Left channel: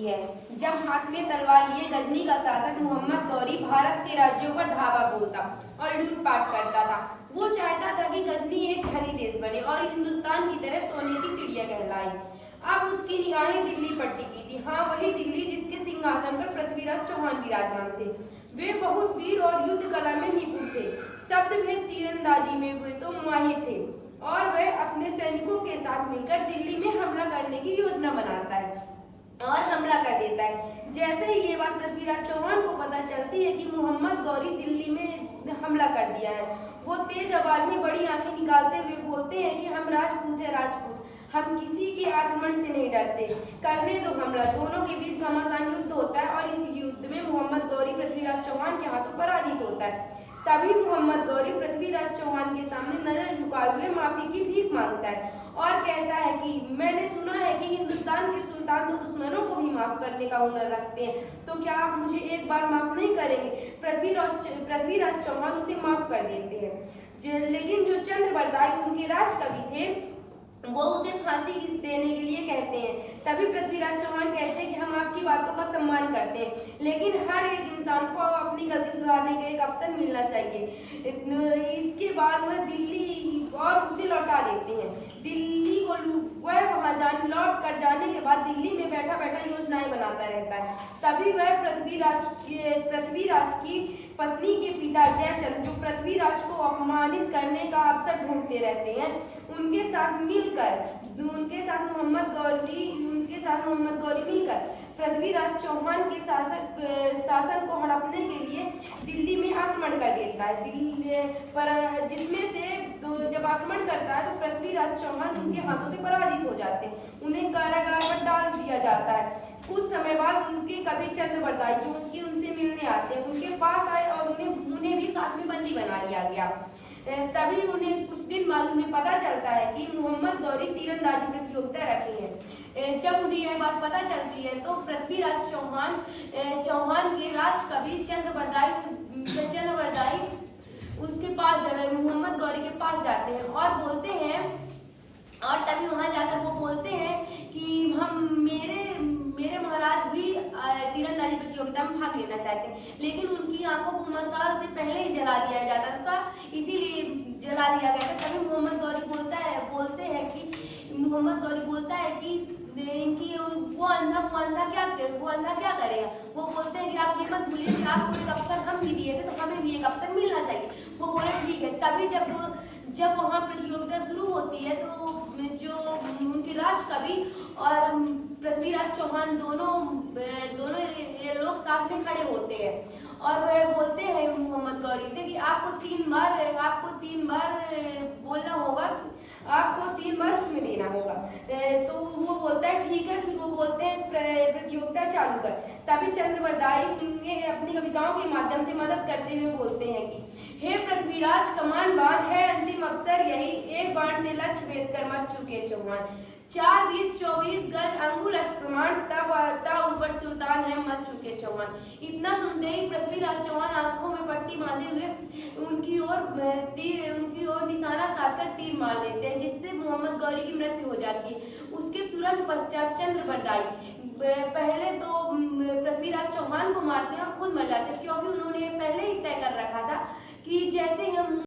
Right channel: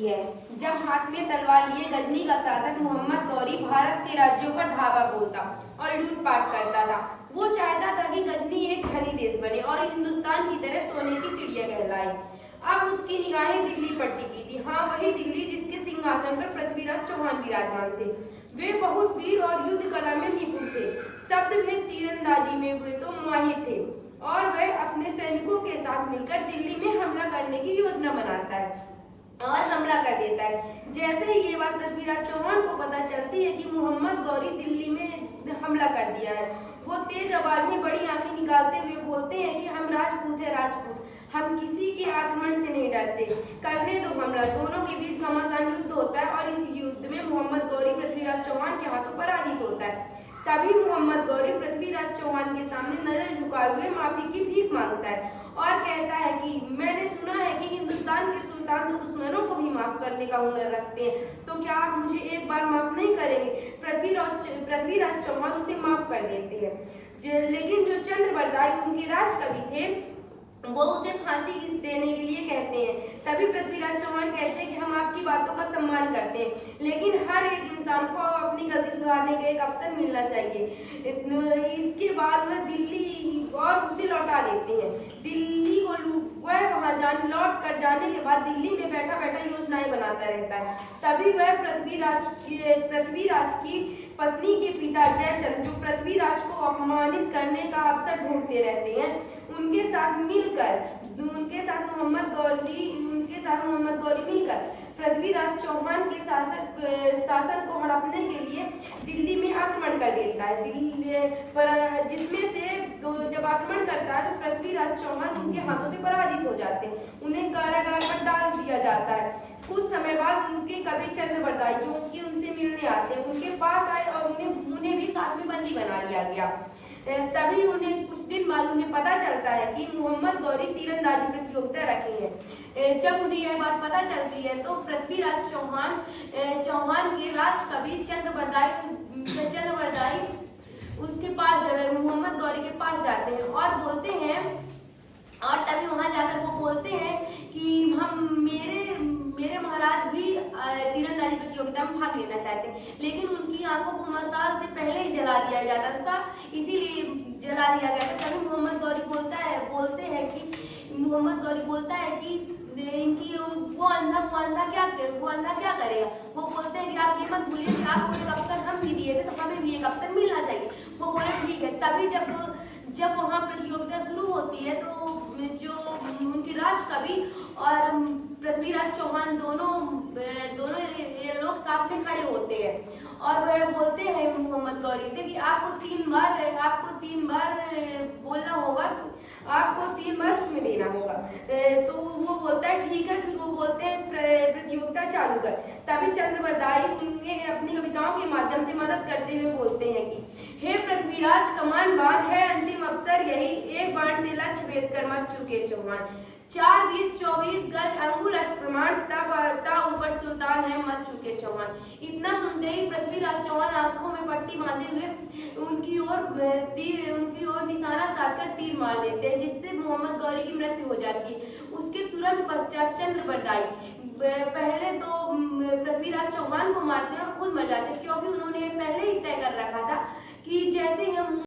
की है। जब हाथ में तलवार लिए गजनी का शासक मोहम्मद गौरी भारत के राज्यों पर धावा बोलता और लूटपाट करता था। वो चाहता था कि गजनी एक धनी देश बने और हिंदुस्तान की तरह सोने की चिड़िया कहलाए। अब उसकी निगाहें दिल्ली पर टिकी थी। हाँ, वही दिल्ली जिसके सिंहासन पर पृथ्वीराज चौहान विराजमान थे। वे बहुत वीर और युद्ध कला में निपुण थे। शब्दभेद तीरंदाजी में वे तो माहिर थे और वह अपने सैनिकों के साथ मिलकर दिल्ली में हमला करने की योजना बनाता है और हमला कर देता है। जैसे ही ये बात पृथ्वीराज चौहान को पता चलती है कि मोहम्मद गौरी दिल्ली में हमला कर दिया है, वो तेज आवाज में बड़ी आंखें निकालते हुए बोलते हैं कि हम राजपूत है, राजपूत, हम किसी के आक्रमण से नहीं डरते, करने दो हमला। दोनों के बीच घमासान युद्ध होता है और इस युद्ध में मोहम्मद गौरी पृथ्वीराज चौहान के हाथों पराजित होता है। तभी मोहम्मद गौरी पृथ्वीराज चौहान के सामने नजर झुकाए हुए माफी की भीख मांगता है और कहता है कि मैंने सुना है कि हिंदुस्तान के सुल्तान तो दुश्मनों को भी माफ करने का हुनर रखते हैं, तो क्या आप मुझे एक बार माफ नहीं करेंगे? पृथ्वीराज चौहान उसे माफ कर देते हैं। लेकिन जो चंद्र बरदाई उनके राज कवि थे, वो उसे फांसी देने के लिए कहते हैं। तभी पृथ्वीराज चौहान कहते हैं कि हम आपकी बातों का सम्मान करते हैं, लेकिन हर एक इंसान को अपनी गलती सुधारने का एक अवसर मिलना चाहिए। इसके बाद वह दिल्ली और उसे लौटा देते हैं। दिल्ली को वह वहां लौट कर जाने के बाद दिल्ली में बैठा बैठा योजनाएं बनाता रहता है। तभी वह पृथ्वीराज की पत्नी के पिता जयचंद, जो पृथ्वीराज को अपमानित करने का अवसर ढूंढते रहते हैं, उनके साथ मोहम्मद गौरी मिलकर पृथ्वीराज चौहान के शासन को हड़पने के लिए दिल्ली में आक्रमण कर देता है। जिसमें से जब आक्रमण करता है तो पृथ्वीराज चौहान उनके हाथों से पराजित हो जाते हैं। उन्हें कारागार में डाल दिया जाता है। कुछ समय बाद उनके कवि चंद्र बरदाई, जो उनसे मिलने आते हैं, उनके पास आए और उन्हें भी साथ में बंदी बना लिया गया। तभी उन्हें कुछ दिन बाद उन्हें पता चलता है कि मोहम्मद गौरी तीरंदाजी प्रतियोगिता रखी है। जब उन्हें यह बात पता चलती है तो पृथ्वीराज चौहान के राज कवि चंद्र बरदाई उसके पास मोहम्मद गौरी के पास जाते हैं और बोलते हैं, और तभी वहां जाकर वो बोलते हैं कि मेरे महाराज भी तीरंदाजी प्रतियोगिता में भाग लेना चाहते हैं, लेकिन उनकी आंखों को मसाल से पहले ही जला दिया जाता था, इसीलिए जला दिया गया था। तभी मोहम्मद गौरी बोलता है कि इनकी वो अंधा क्या करेगा। वो बोलते हैं कि आप ये मत भूलिए कि आपको एक अवसर हम भी दिए थे, तो हमें भी एक अवसर मिलना चाहिए। वो बोले ठीक है। तभी जब वहाँ प्रतियोगिता शुरू होती है तो जो उनके राज कवि और पृथ्वीराज चौहान दोनों ये लोग साथ में खड़े होते हैं और वह बोलते हैं मोहम्मद गौरी से कि आपको तीन बार बोलना होगा, आपको 3 बार उसमें देना होगा। तो वो बोलता है ठीक है। फिर वो बोलते हैं प्रतियोगिता चालू कर। तभी चंद्र बरदाई उन्हें अपनी कविताओं के माध्यम से मदद करते हुए बोलते हैं कि हे पृथ्वीराज, कमान बांध है अंतिम अवसर यही, एक बाण से लक्ष्य भेद कर मत चुके चौहान। 4, 20, 24 गज अंगुल प्रमाण, ता ऊपर सुल्तान है मत चुके चौहान। इतना सुनते ही पृथ्वीराज चौहान आंखों में पट्टी बांधे हुए उनकी ओर निशाना साधकर तीर मार देते हैं, जिससे मोहम्मद गौरी की मृत्यु हो जाती है। उसके तुरंत पश्चात चंद्र बरदाई पहले तो पृथ्वीराज चौहान को मारते हैं और खुद मर जाते हैं, क्योंकि उन्होंने पहले ही तय कर रखा था कि जैसे ही हम